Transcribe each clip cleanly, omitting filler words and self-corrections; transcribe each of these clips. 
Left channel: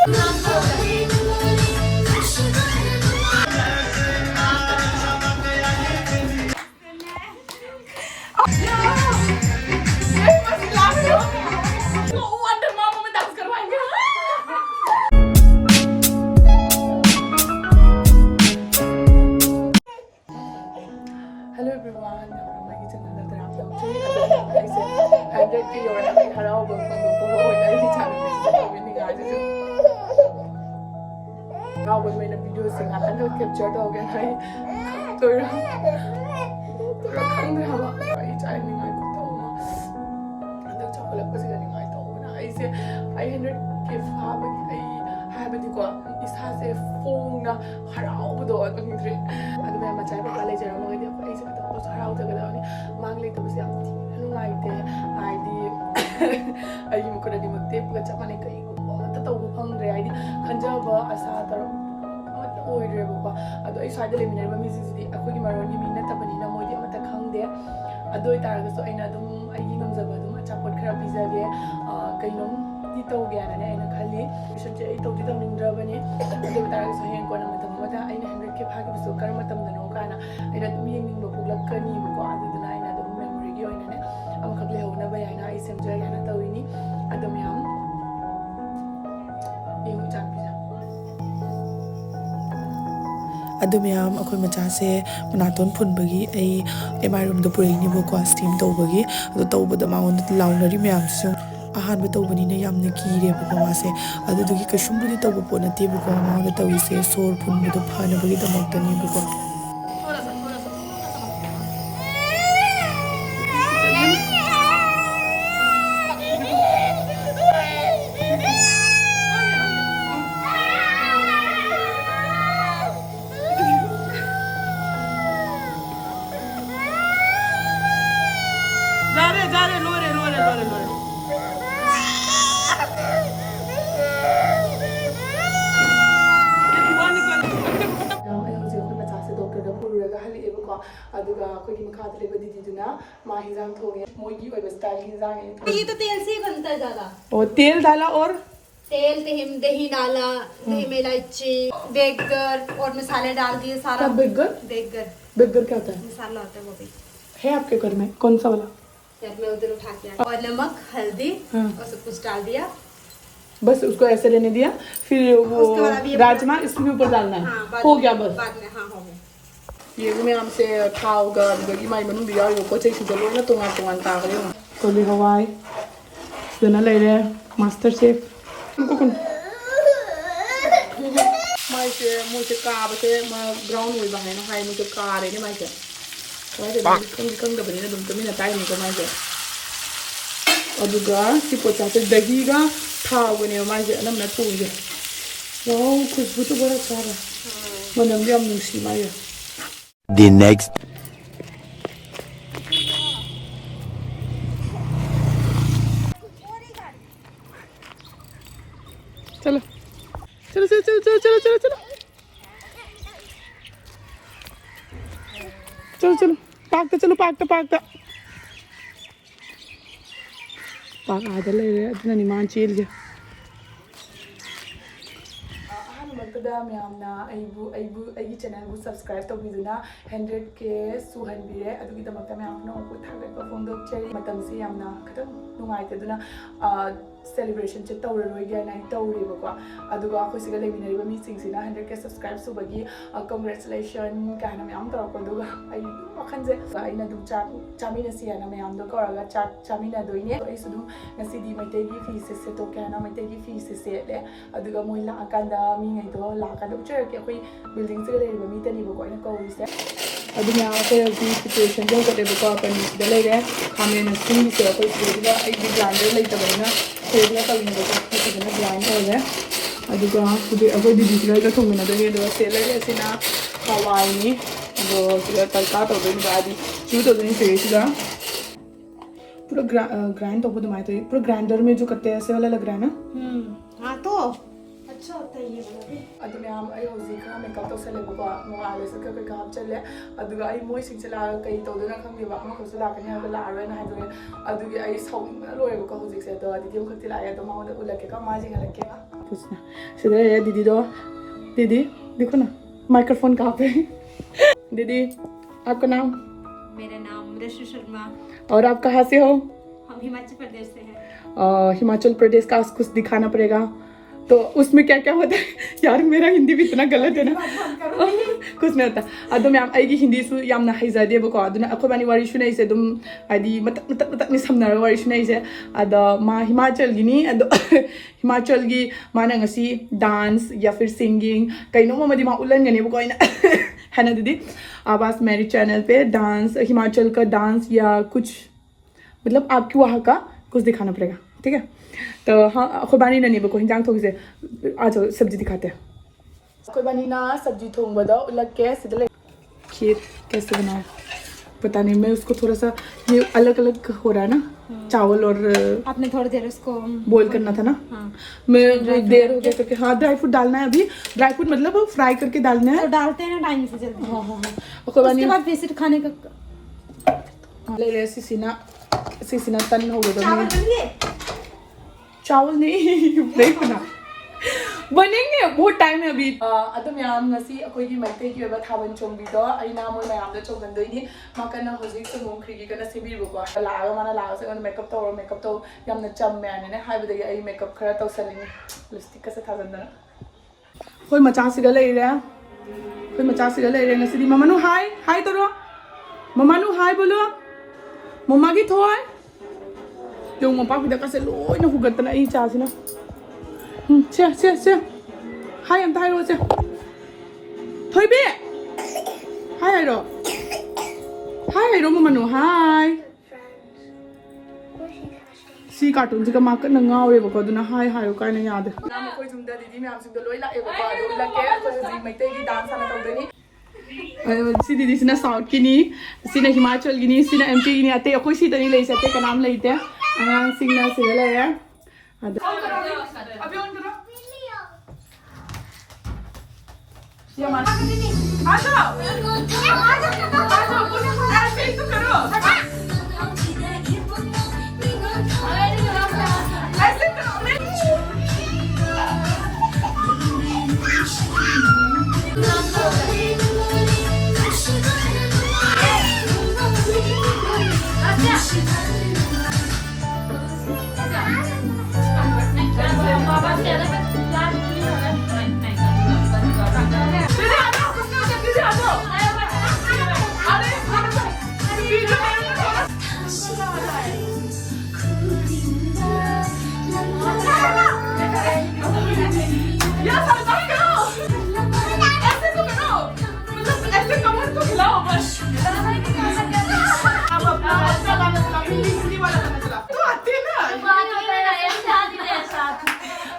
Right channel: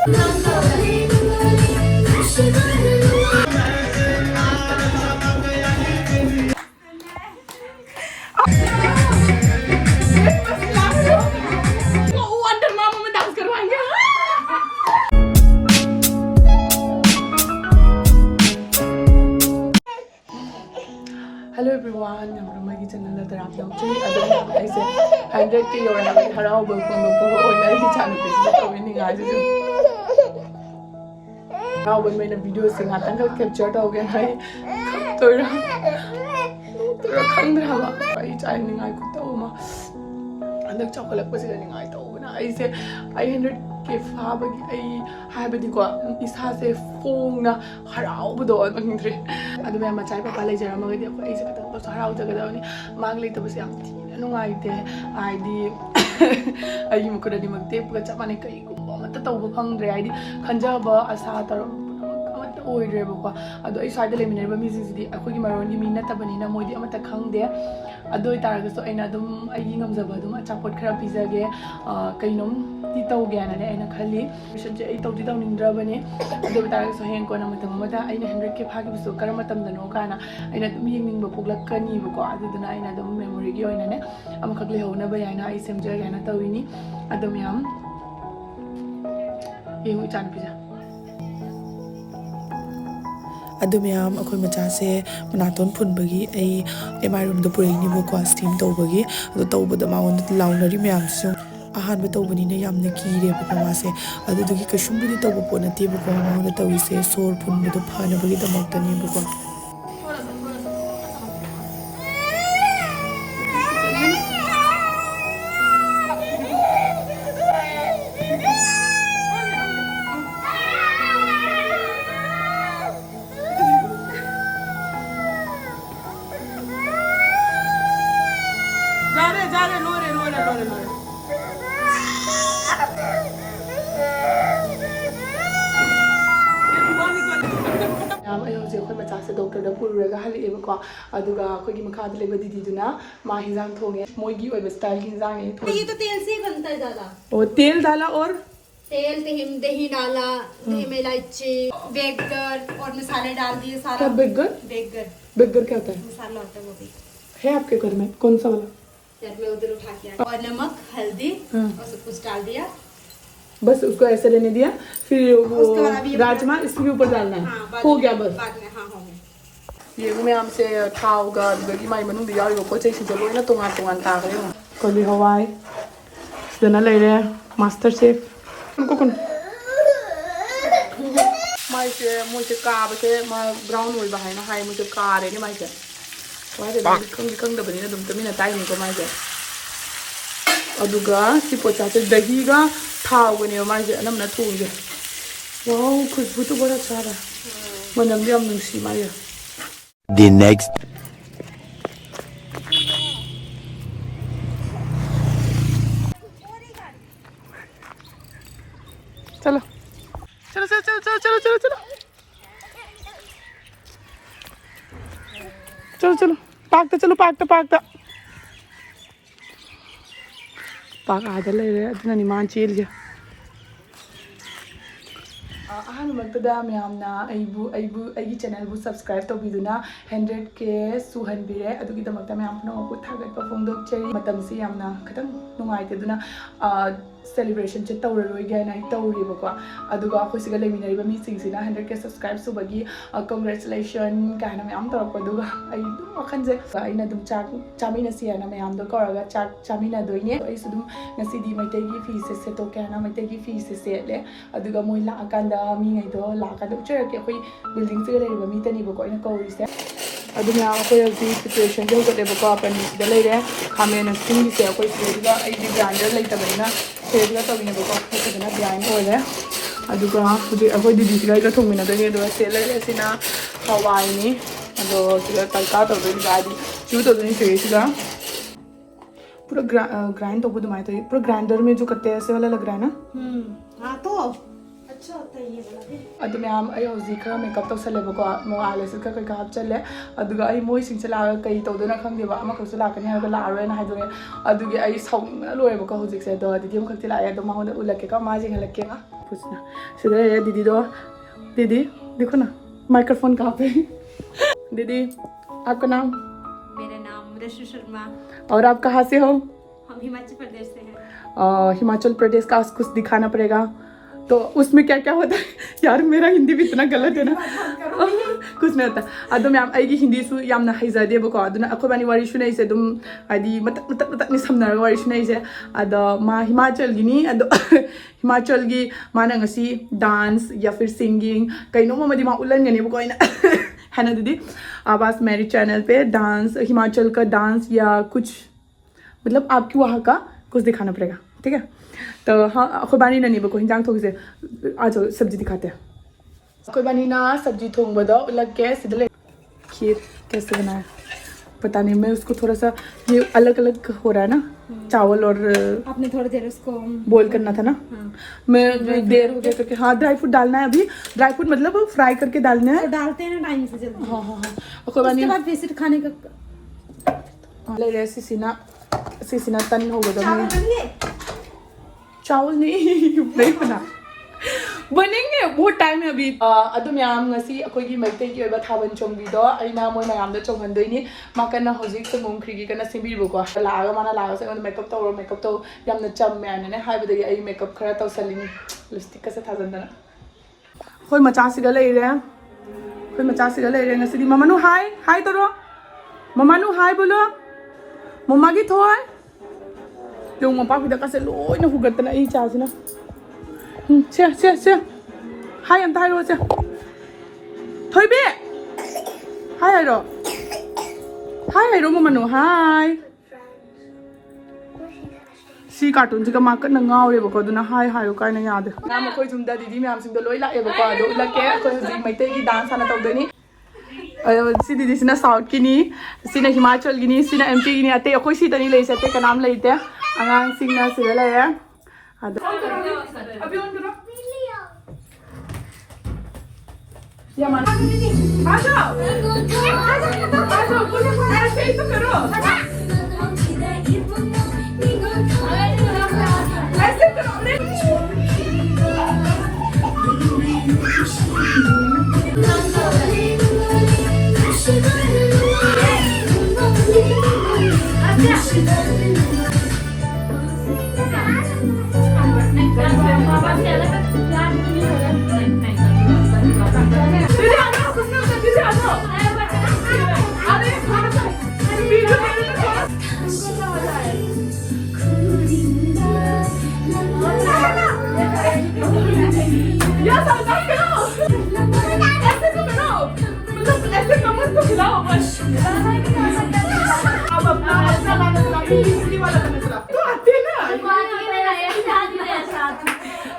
Hello everyone, my channel is Tarap Dongchi. I say 100K or having harao bang from the poor or I channel is winning guys. Now when my videos sing at and captured again, I I could tell and the chocolate was getting I told I say 100K 하이브디고 이사세 퐁나 하라우부도 어딘데 아두면 마차이 파파 레저마게디 아이세 같은 거 하라우저거더니 망리터버스 양 티나 누가이테 아이디 아이 무크라디 막테프가 잡아내 그이고 뭐다 떠고 펑드레 아이디 간자버 아사더로 아무것도 오이드레버고 아도 이 사이드 레미네버 미지지디 아코기 마로니 미 나타버니나 모이디 아무것도 칸데 아도 이따라서 아이나 좀 아이기 넘자버 좀 아차포트 크라 피자게 그이놈 ती तौ Guyana ने आइना खाली mission जे तौदी तौनिंद्रबने अदु बताग सो हें कोना मतम मदा आइना 100K फागे बसो कर मतम दनो काना आइना तुम येंगनिंग बपुगलकनी बको अदुदना आइना दम मेमोरी गी ओइना ने अमखक लेहोना बयाना आई सेमजर याना तौइनी अदम याम येहु चान पिजा अदुमयाम अखोय मचासे मनातोन फुनबगी ए एमआई रूम दो पुरेनी बको स्टीम तौबगी अदु तौबदा माउन लाउनरी म्याम सु अहान तौबनीने यामना कीरेबको मासे अदुदुगी कशुमबुदि तौब पोना तेबको माउंदा तौइसे सोर फुनबदो फानबगी दमक्तनीबको जा रे लोरे डॉक्टर पुरुगा हलेबको अदुगा अखोगी मखाद लेबा दीदीदुना मा हिंजांग थोंगे मोइगी ओइब स्टाइल हिंजांग है ये तो तेल से बनता है ज्यादा और तेल डाला और तेल दही डाला दही में इलायची बेगर और मसाले डाल दिए सारा बेगर बेगर क्या होता है मसाला होता है वो भी है आपके घर में कौन सा वाला मैं उधर उठा के और नमक हल्दी और सब कुछ डाल दिया बस उसको ऐसे रहने दिया फिर वो राजमा इसके ऊपर डालना है हो गया बस बाद में हाँ हो गया ये मैं हमसे थावगा बगी माई मनु दिया यो को चेक से लोना तोंगान तोंगान का गयो कोली हवाई जना ले रे मास्टर शेफ उनको कौन माई से मुझे का बसे मा ग्राउंड हुई बाहर ना हाई मुझे का रे ने माई से वाई से कंग दबनी ना दुम तमिना ताई निको माई से अदुगा सिपोचा से दहीगा थावगने माई से नमना थोंगे वाओ खुशबू तो बड़ा सारा मनम भी हम नुसी माई The next चलो चलो चलो चलो चलो चलो चलो चलो चलो चलो पाकता चलो पाकता पाकता पाक आधा ले रहे अदना निमान चेल गया अहमददा मैमना आई चैनल बु सब्सक्राइब तौबीदुना 100K सुहनबिरे अदुगिदमक्ता मैम पुनमकु थागतपा फोंदोकचेरी मतमसे यामना खतंग नुंगाइतेदुना सेलिब्रेशन चे तौररोय गायना तौरेबको अदुगा अखोइसिगा लेमिनरिबा मीसिंगसिना 100K सब्सक्राइब सुबगी कांग्रेचुलेशन काना मैम तौरको दुगा आई वखनजे आइना दुम चामिना सियाना मैम दो कौरगा चामिना दोइने आइसु दुम नसिदी मैतेगी फीसे सेतो काना मैतेगी फीसे सेले अदुगा मोइला अकांदा मीङैदो लाकादा उचरके अखोइ बिल्डिंग से लेरिबा मीतनीबको आइना कौरिसे अदुना अखोइ सिचुएशन जोगदेबको अपनी लेरे खामेन सिंगिसे अखोइ सिगदा आई ग्राइंडर लेतबना सेजना तविनबको सिगना ग्राइंड होले अदुगा हुजि अखोइ दीदीसिगा इगा थोंमिनादोनि अदुगा सेलरे सिना हवाइनी अदो सिगा तड़का तौदोनि गादी चू तौदोनि सेसिगा पूरा ग्राइंड तौबो दुमाय तो पूरा ग्राइंडर में जो करते हैं ऐसे वाला लग रहा है ना हाँ तो अच्छा होता है ये वाला भी। अदु मैम आई हौजी खरा मेकअप तौसलेबको मो आइलैशेस का कई हापचले अदुगा आई मोइ सिंग चला कई तौदना खंगदेबा अमा खरसु लाकनी हागा लारोना हाइदोने अदुगे आई सौना लोयबको हौजिक से दो दीदी खक्ति लाए दो माउंड उलके का मा जिंग लके का पूछना सिदे दीदी दो दीदी देखो ना माइक्रोफोन कहाँ पे दीदी आपका नाम? मेरा नाम रशु शर्मा। और आप कहाँ से हो? हम हिमाचल प्रदेश से हैं। हिमाचल प्रदेश का कुछ दिखाना पड़ेगा तो उसमें क्या क्या होता है यार मेरा हिंदी भी इतना गलत है ना कुछ नहीं होता अदो मैम आई हिंदी सु यामना हैजादेबको अदुना अखोबानी वारी सुनाइसे दुम आदि मत नि समनार वारी सुनाइसे अदो मा हिमाचल गिनी अदो हिमाचल गी माना ngasi डांस या फिर सिंगिंग कइनो मदी मा उलनगनेबको आइना है ना दीदी अब आज मेरे चैनल पे डांस हिमाचल का डांस या कुछ मतलब आपकी वहाँ का कुछ दिखाना पड़ेगा ठीक है तो हाँ खुबानी ना नहीं बको हिंजांग थोड़ी से आज सब्जी दिखाते हैं खुबानी ना सब्जी थोंग बदो लग के सीधे खीर कैसे बनाया पता नहीं मैं उसको थोड़ा सा ये अलग अलग हो रहा है ना चावल और आपने थोड़ी देर उसको बॉईल करना था ना मैं जो देर हो गया करके हाँ ड्राई फ्रूट डालना है अभी ड्राई फ्रूट मतलब फ्राई करके डालना है तो डालते हैं ना टाइम से जल्दी खुबानी उसके बाद बेसिक खाने का ले ले सीसीना तन हो गया चावल नहीं बना बनेंगे बहुत टाइम है अभी अदुम याम ngasi अखोगी मैते की ओबा थाबन चोंगबीदो आइना मोय मयाम द चोंगहनदोइनी माकना होजिक से मुंखरीगी कना सिबिबको लागा माना लागा से मेकअप तो यामना चम मैनने हाइबदगी आई मेकअप खरा तौसलिनी लिपस्टिक का से थाजनदना होय मचासिगा लेरे ngasi di mamanu हाय तोरो ममानु हाय बोलो मम्मा की थोय yung mapapita kasi loy na hugat na isa sina siya hi ang tayo siya hoy be hi ayro mo manu hi si cartoon si ka makat na ngawe bako do na hi kay na yade na mo koy jumda didi myam sing do loy la e bako do lake ko ji mai te gi dance ana tawdo ni si didi sina south ki ni sina himachal gi ni sina mp gi ni ate akoi si tani lei sate ka naam leite angang sing na sila la ya ada अभी on करो या माना आ जाओ ऐसे ही तो करो ऐसे करो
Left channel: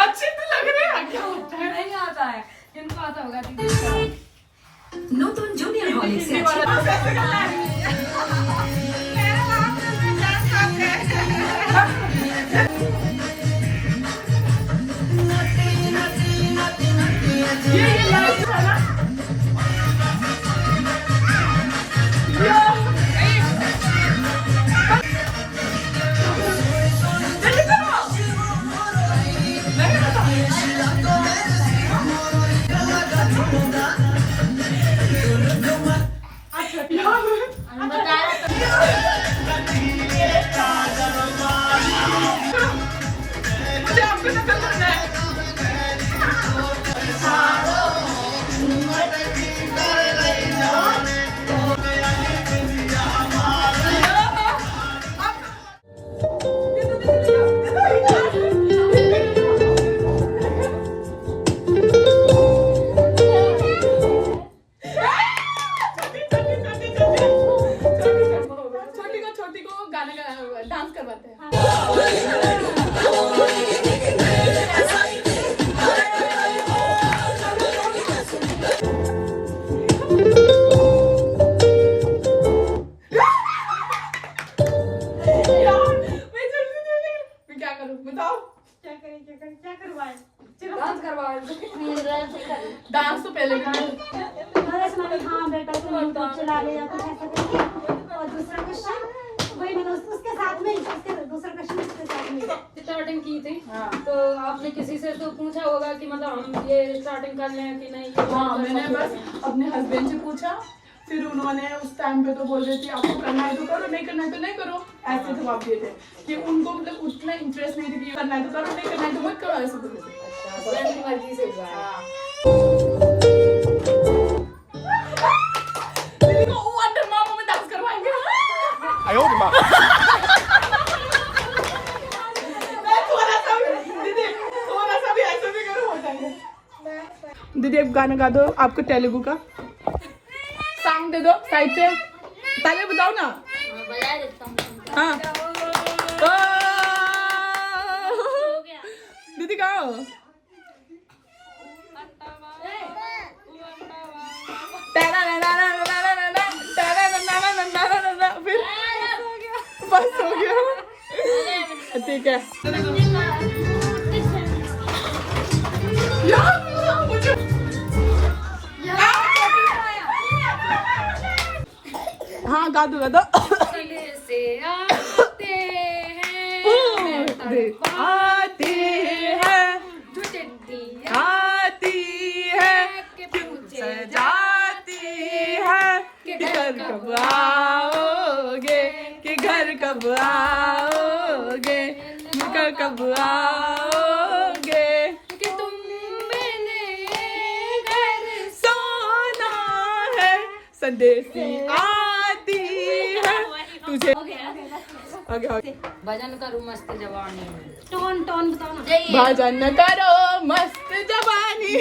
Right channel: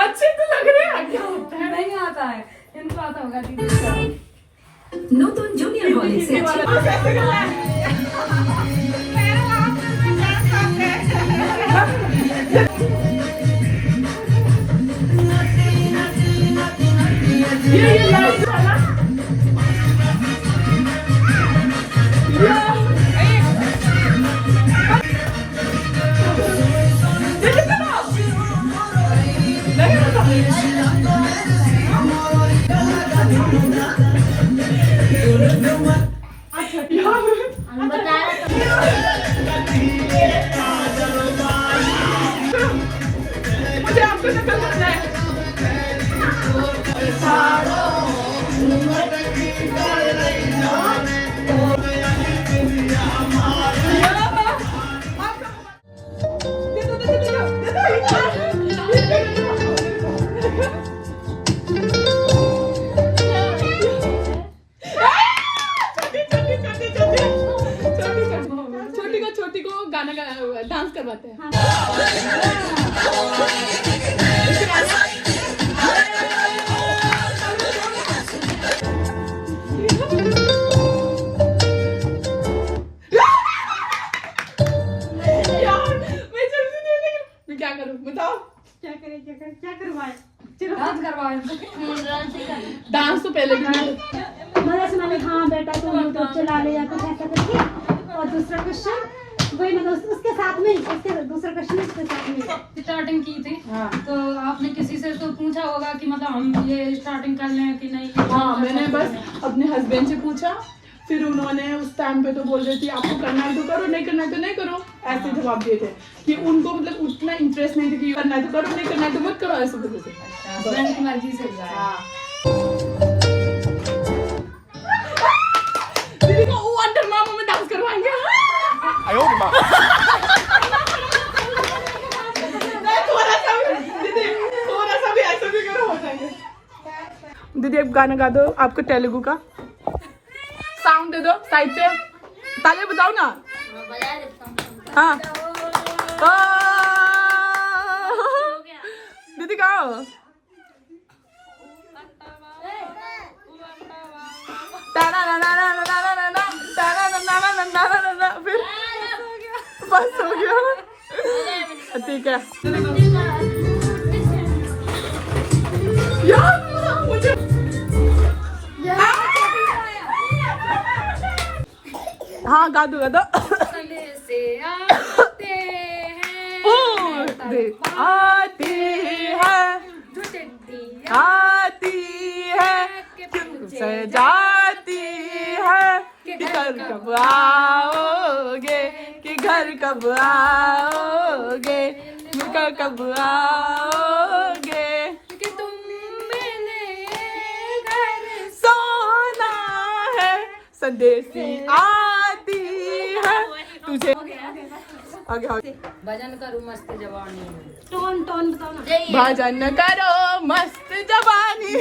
अच्छे तो लग रहे हैं क्या नहीं आता है इनको आता होगा दीदी नूतन जूनियर कॉलेज से छोटी को गाना डांस करवाते हैं क्या करूं बताओ क्या करवाए डांस करवाओ। डांस तो पहले भी हाँ बेटा तुम यूट्यूब चला ले या कुछ ऐसा करके। और दूसरा क्वेश्चन वही मतलब उसके साथ में उसके दूसरा क्वेश्चन उसके साथ में स्टार्टिंग की थी। हाँ। तो आपने किसी से तो पूछा होगा कि मतलब हम ये स्टार्टिंग कर लें कि नहीं? हाँ, मैंने बस अपने हस्बैंड से पूछा, फिर उन्होंने उस टाइम पे तो बोल रही थी आपको करना है तो करो, नहीं करना है तो नहीं करो, ऐसे जवाब दिए थे कि उनको मतलब उतना इंटरेस्ट नहीं था कि करना है तो करो, नहीं करना है तो मत करो, ऐसे बोलते थे। हस्बैंड की मर्जी से हुआ है। हाँ। दीदी को वो अंडर मामा में डांस करवाएंगे। थोड़ा सा भी ऐसे भी करो, हो जाएंगे। दीदी एक गाना गा दो आपको तेलुगु का सॉन्ग दे दो साइड से, ताली बताओ ना। हाँ दीदी गाओ। फिर बस हो गया, ठीक है। यार मुझे हाँ गा दो गा दो। से आते आती है आती है सजाती है कि घर कब आओगे, कि घर कब आओगे, घर कब आओगे, कि तुम मैंने घर सोना है संदेशी आती है तुझे। आगे आगे भजन करूँ मस्त जवानी में। टोन टोन बताओ ना। भजन करो मस्त जवानी,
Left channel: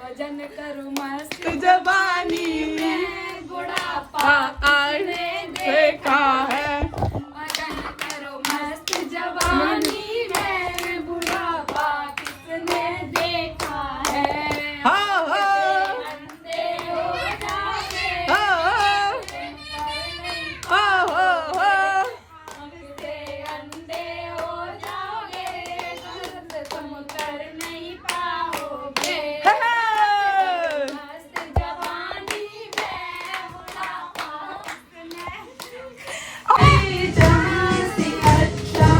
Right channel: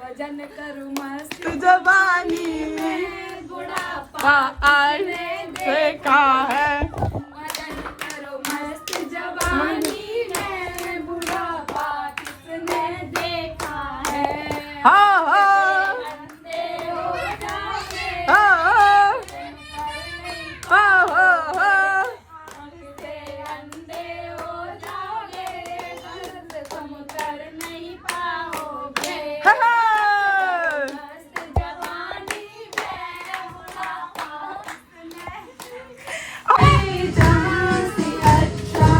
भजन करूँ मस्त जवानी में बुढ़ापा आने देखा है। भजन करो मस्त जवानी में बुढ़ापा किसने देखा है? हाँ हाँ अंधे हो जाओगे, हाँ हाँ हाँ अंधे अंधे हो जाओगे, दर्द तुम कर नहीं पाओगे। मस्त जवानी में बुढ़ापा किसने जहाँ से अच्छा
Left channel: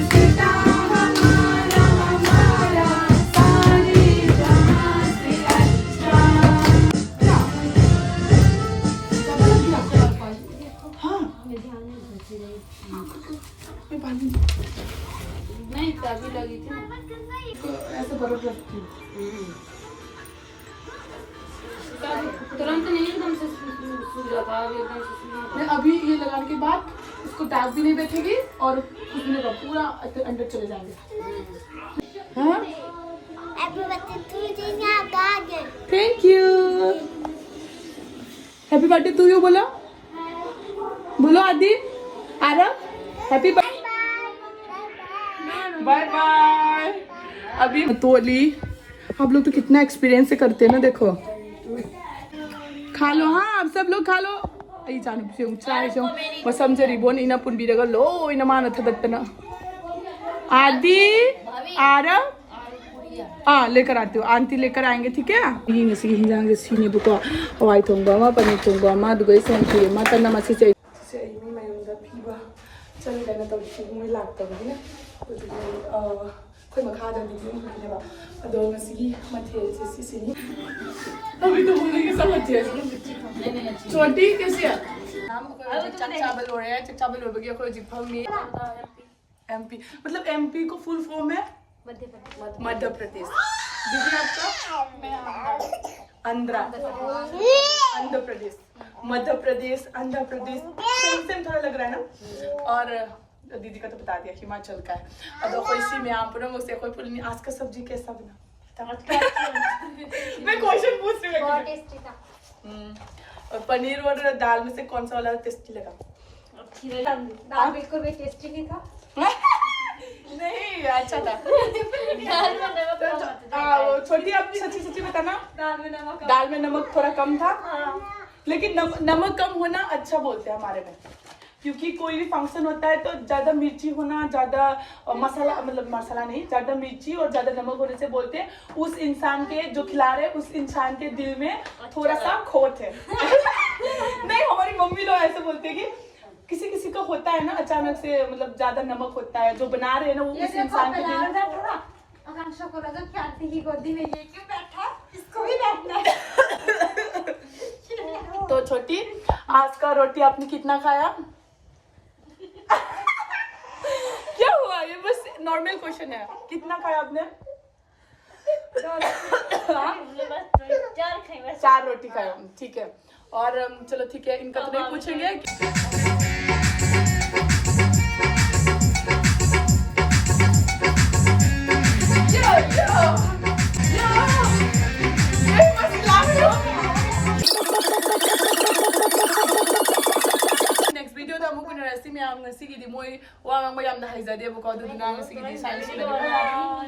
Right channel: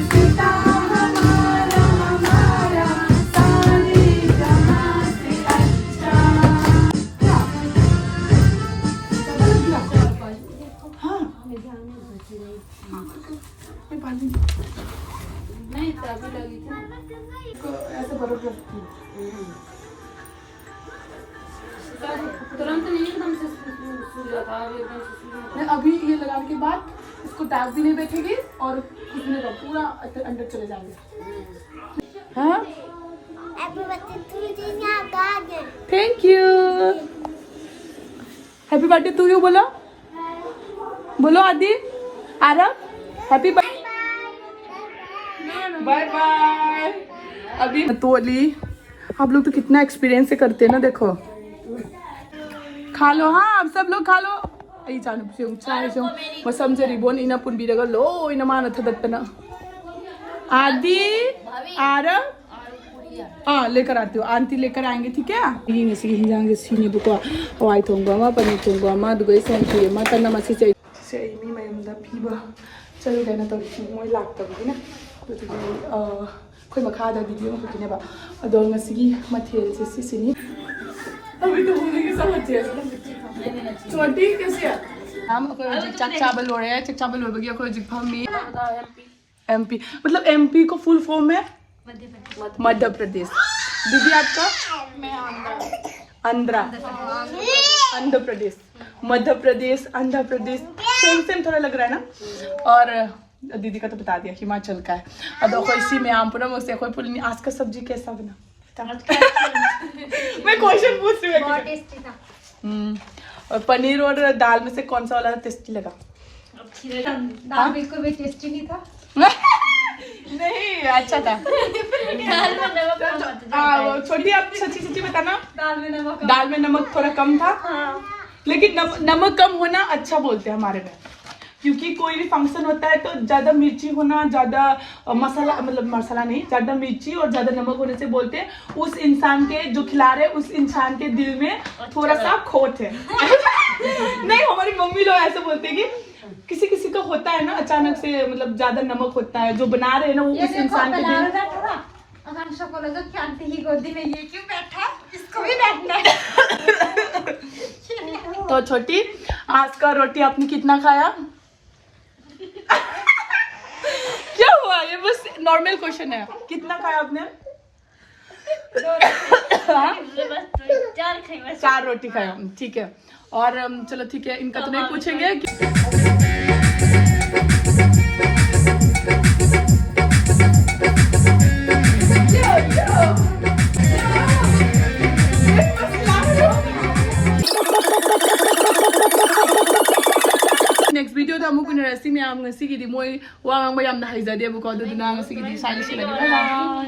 हिंदुस्तान हमारा हमारा, सारे जहाँ से अच्छा। हाँ नहीं तभी लगी थी। ऐसे बर्फ लगती है। तुरंत नहीं एकदम से सूख जाता, अभी एकदम से सूख मैं अभी ये लगाने के बाद इसको दाग भी नहीं बैठेगी और खुशबू का पूरा अंदर चले जाएंगे। हाँ thank you. Happy birthday to you बोलो, बोलो आदि आरव हैप्पी बाय बाय। अभी तोली आप लोग तो कितना एक्सपीरियंस से करते हैं ना, देखो खा लो। हाँ आप सब लोग खा लो। आई जानू से चाय जो मैं समझ रही बोन इना पुन बिरगा लो इना माना था दत्तना आदि आरव। हाँ लेकर आती हूँ, आंटी लेकर आएंगे ठीक है। ये नसी हिंजांगे सीने बुको हवाई थोंगा मा पनीर थोंगा मा दुगई सेंचुरी मा तना मसी से मी मयमदा पीबा चल गना तो मोय लाक्तबगिना कोई मखादा वीडियो करनेबा अदो ngasi मथेल से सिसिनी अभी तो बोलने की समझ है छोटी कैसे है हम कोई चक चावल हो रहे हैं, चक चावल हो गया कोई जिक फॉर्म में एमपी मतलब एमपी को फुल फॉर्म है मध्य प्रदेश। दीदी आपका आंध्र आंध्र प्रदेश, मध्य प्रदेश, आंध्र प्रदेश सेम सेम थोड़ा लग रहा है ना। और दीदी का तो बता दिया हिमाचल का है। अब कोई इसी में आम पूरा मुझसे कोई पुलिनी आज का सब्जी कैसा बना मैं क्वेश्चन पूछ रही हूँ। बहुत टेस्टी था। और पनीर और दाल में से कौन सा वाला टेस्टी लगा? दाल बिल्कुल भी टेस्टी नहीं था। नहीं अच्छा था। दाल में नमक कम था। छोटी आप सच्ची सच्ची बताना, दाल में नमक दाल में नमक थोड़ा कम था। लेकिन नमक कम होना अच्छा बोलते हैं हमारे में। क्योंकि कोई भी फंक्शन होता है तो ज्यादा मिर्ची होना, ज्यादा मसाला, मतलब मसाला नहीं, ज्यादा मिर्ची और ज्यादा नमक होने से बोलते हैं उस इंसान के जो खिला रहे उस इंसान के दिल में थोड़ा सा खोट है। नहीं, हमारी मम्मी लोग ऐसे बोलते हैं कि किसी किसी का होता है ना अचानक से, मतलब ज्यादा नमक होता है, जो बना रहे हैं ना वो उस इंसान के दिल। आकांक्षा को लगा कि आंटी की गोदी में ये क्यों बैठा, इसको भी बैठना है। तो छोटी, आज का रोटी आपने कितना खाया? क्या हुआ? ये बस नॉर्मल क्वेश्चन है, कितना खाया आपने? 4 रोटी खाया, ठीक है। और चलो ठीक है, इनका तो नहीं पूछेंगे next video da muku ni resi mi am ngasi gidi moy wa ngang bayam na haizade bu ko da na ngasi gidi sai shi la.